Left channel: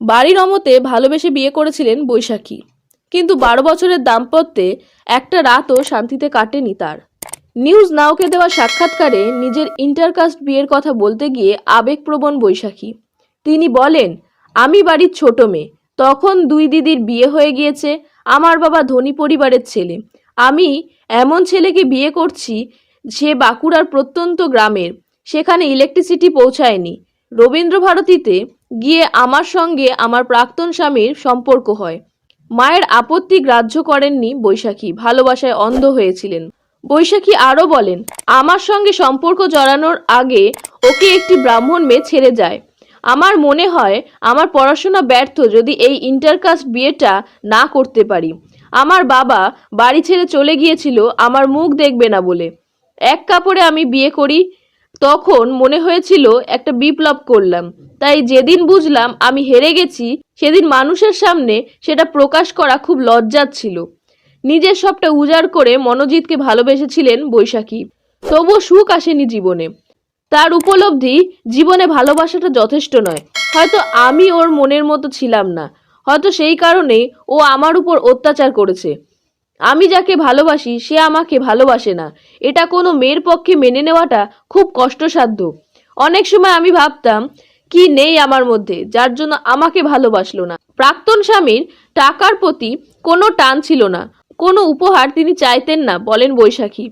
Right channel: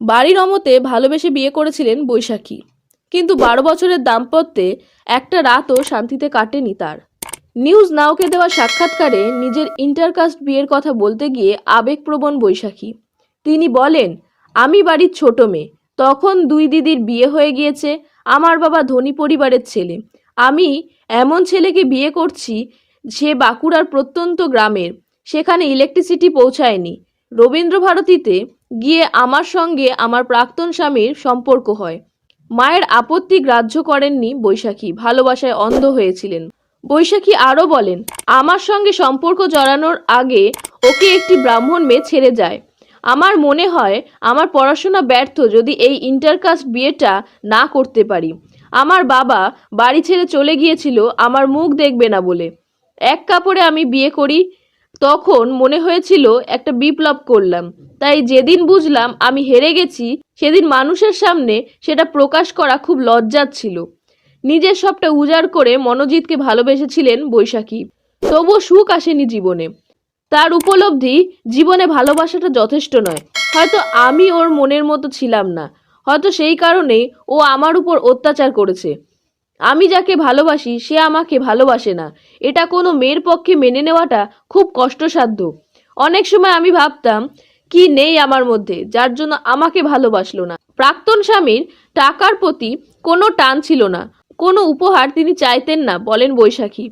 বাড়ির অমতে ভালোবেসে বিয়ে করেছিলেন বৈশাখী, কিন্তু 12 বছরের দাম্পত্যে একটা রাতও শান্তিতে কাটেনি তার। নিউজ নাওকে দেওয়া সাক্ষাৎকারে নিজের ইন্টারকাস্ট বিয়ের কথা বলতে গিয়ে আবেগপ্রবণ বৈশাখী। তিনি বলেন, আমি বাড়ির ছোট মেয়ে, তখন 2 দিদির বিয়ে হয়ে গিয়েছে। আমার বাবা ধনী পরিবারের ছেলে। আমি এমন ছেলেকে বিয়ে করছি, সে বাঁকুড়ার প্রত্যন্ত গ্রামের, সেখানে ইলেকট্রিসিটি পৌঁছায়নি। রবীন্দ্রভারতীতে গিয়ে আমার সঙ্গে আমার প্রাক্তন স্বামীর সম্পর্ক হয়। মায়ের আপত্তি গ্রাহ্য করেননি বৈশাখী, ভালোবাসায় অন্ধ হয়েছিলেন। বৈশাখী আরও বলেন, আমার সঙ্গে সম্পর্ক জড়ানোর আগে ওকে একটি ব্রাহ্মণ মেয়ে ছেড়ে যায়। আমার মনে হয় আমার পড়াশোনা ব্যর্থ যদি এই ইন্টারকাস্ট বিয়েটা না করতে পারি। আমার বাবা বাড়ি ছেড়ে চলে গিয়েছিল আমার মুখ দেখবে না বলে। এক কাপড়ে আমি বিয়ে করি। তখন মনে হয়েছিল একটা বিপ্লব করলাম। তাই যেদিন বুঝলাম আমি হেরে গেছি, সেদিন মানুষের সামনে সেটা প্রকাশ করা খুব লজ্জার ছিল। নিজের সবটা উজাড় করে মনোজিৎকে ভালোবেসেছিলেন বৈশাখী, তবুও সুখ আসেনি জীবনে। তার উপলব্ধি, জীবনে ভালোবাসাটা যথেষ্ট নয়। হয়তো আমি ওর মনের মতো ছিলাম না, হয়তো সেই কারণেই ও আমার উপর অত্যাচার করেছে। আমি যাকে ভালোবাসি সে আমাকে ভালোবাসে না, এটা কোনো মেয়ের পক্ষে মেনে নেওয়াটা খুব কষ্টসাধ্য। অনেক সময় আমি ভাবতাম, কি নেই আমার মধ্যে যার জন্য আমাকে ভালোবাসলো না। প্রাক্তন স্বামীর টাকার প্রতি কোনো টান ছিল না, কোনো উপহার তিনি চাইতেন না, বলেন বৈশাখী।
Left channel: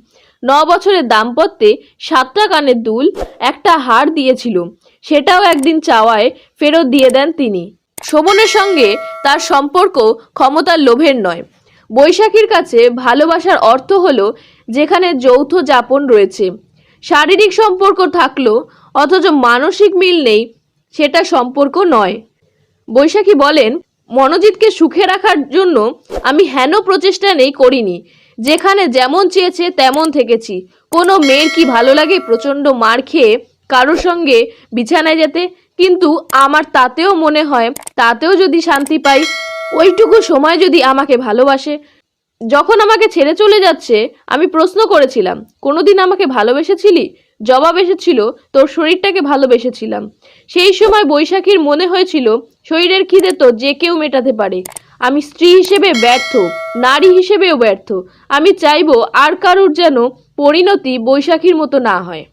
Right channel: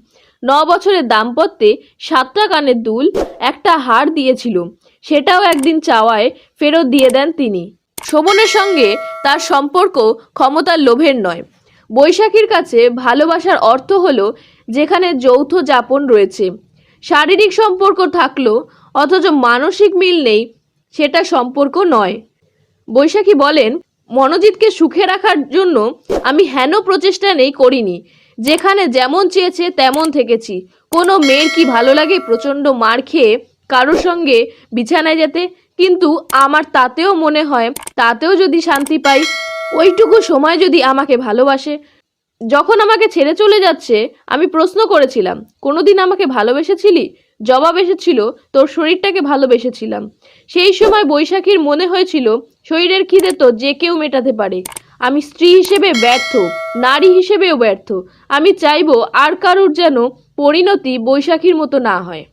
9 বছরের দাম্পত্যে 7টা কানের দুল, একটা হার দিয়েছিল, সেটাও একদিন চাওয়ায় ফেরত দিয়ে দেন তিনি। শোভনের সঙ্গে তার সম্পর্ক ক্ষমতার লোভের নয়। বৈশাখীর কাছে ভালোবাসার অর্থ হলো যেখানে যৌথ যাপন রয়েছে, শারীরিক সম্পর্ক থাকলো অথচ মানসিক মিল নেই, সেটা সম্পর্ক নয়। বৈশাখী বলেন, মনোজিৎকে সুখে রাখার জন্য আমি হেন প্রচেষ্টা নেই করিনি, যেখানে যেমন চেয়েছে তেমন থেকেছি। কোনো মেয়ের কি ভালো লাগে প্রচণ্ড মার খেয়ে কারোর সঙ্গে বিছানায় যেতে? কিন্তু আমার তাতেও মনে হয়, তাতেও যদি শান্তি পাই, ওইটুকু সময় যদি আমাকে ভালোবাসে। যখন আমাকে ছেড়ে চলে যাচ্ছে আমি প্রশ্ন করেছিলাম, কোনোদিন আমাকে ভালোবেসেছিলি? জবাব এসেছিল, তোর শরীরটাকে ভালোবেসেছিলাম। সেই সময় বৈশাখীর মনে হয়েছিল, শরীরের খিদে তো যে কেউ মেটাতে পারে। আমি স্ত্রী হিসেবে ব্যর্থ, নারী হিসেবেও ব্যর্থ। আমি চাইবো আর কারোর যেন পরিণতি বৈশাখীর মতো না হয়।